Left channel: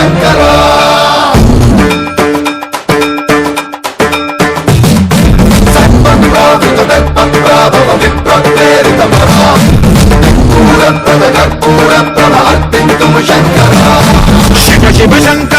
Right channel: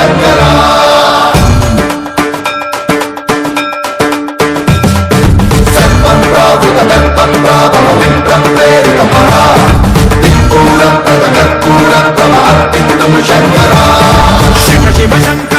శంకర సన్మన్రావృత దర్పప్రాభవలిం ప్రేరిత పరా కర్పూర ప్రద కర్పూర ప్రమ అర్పింతుము శంకర శివ శివ శంకర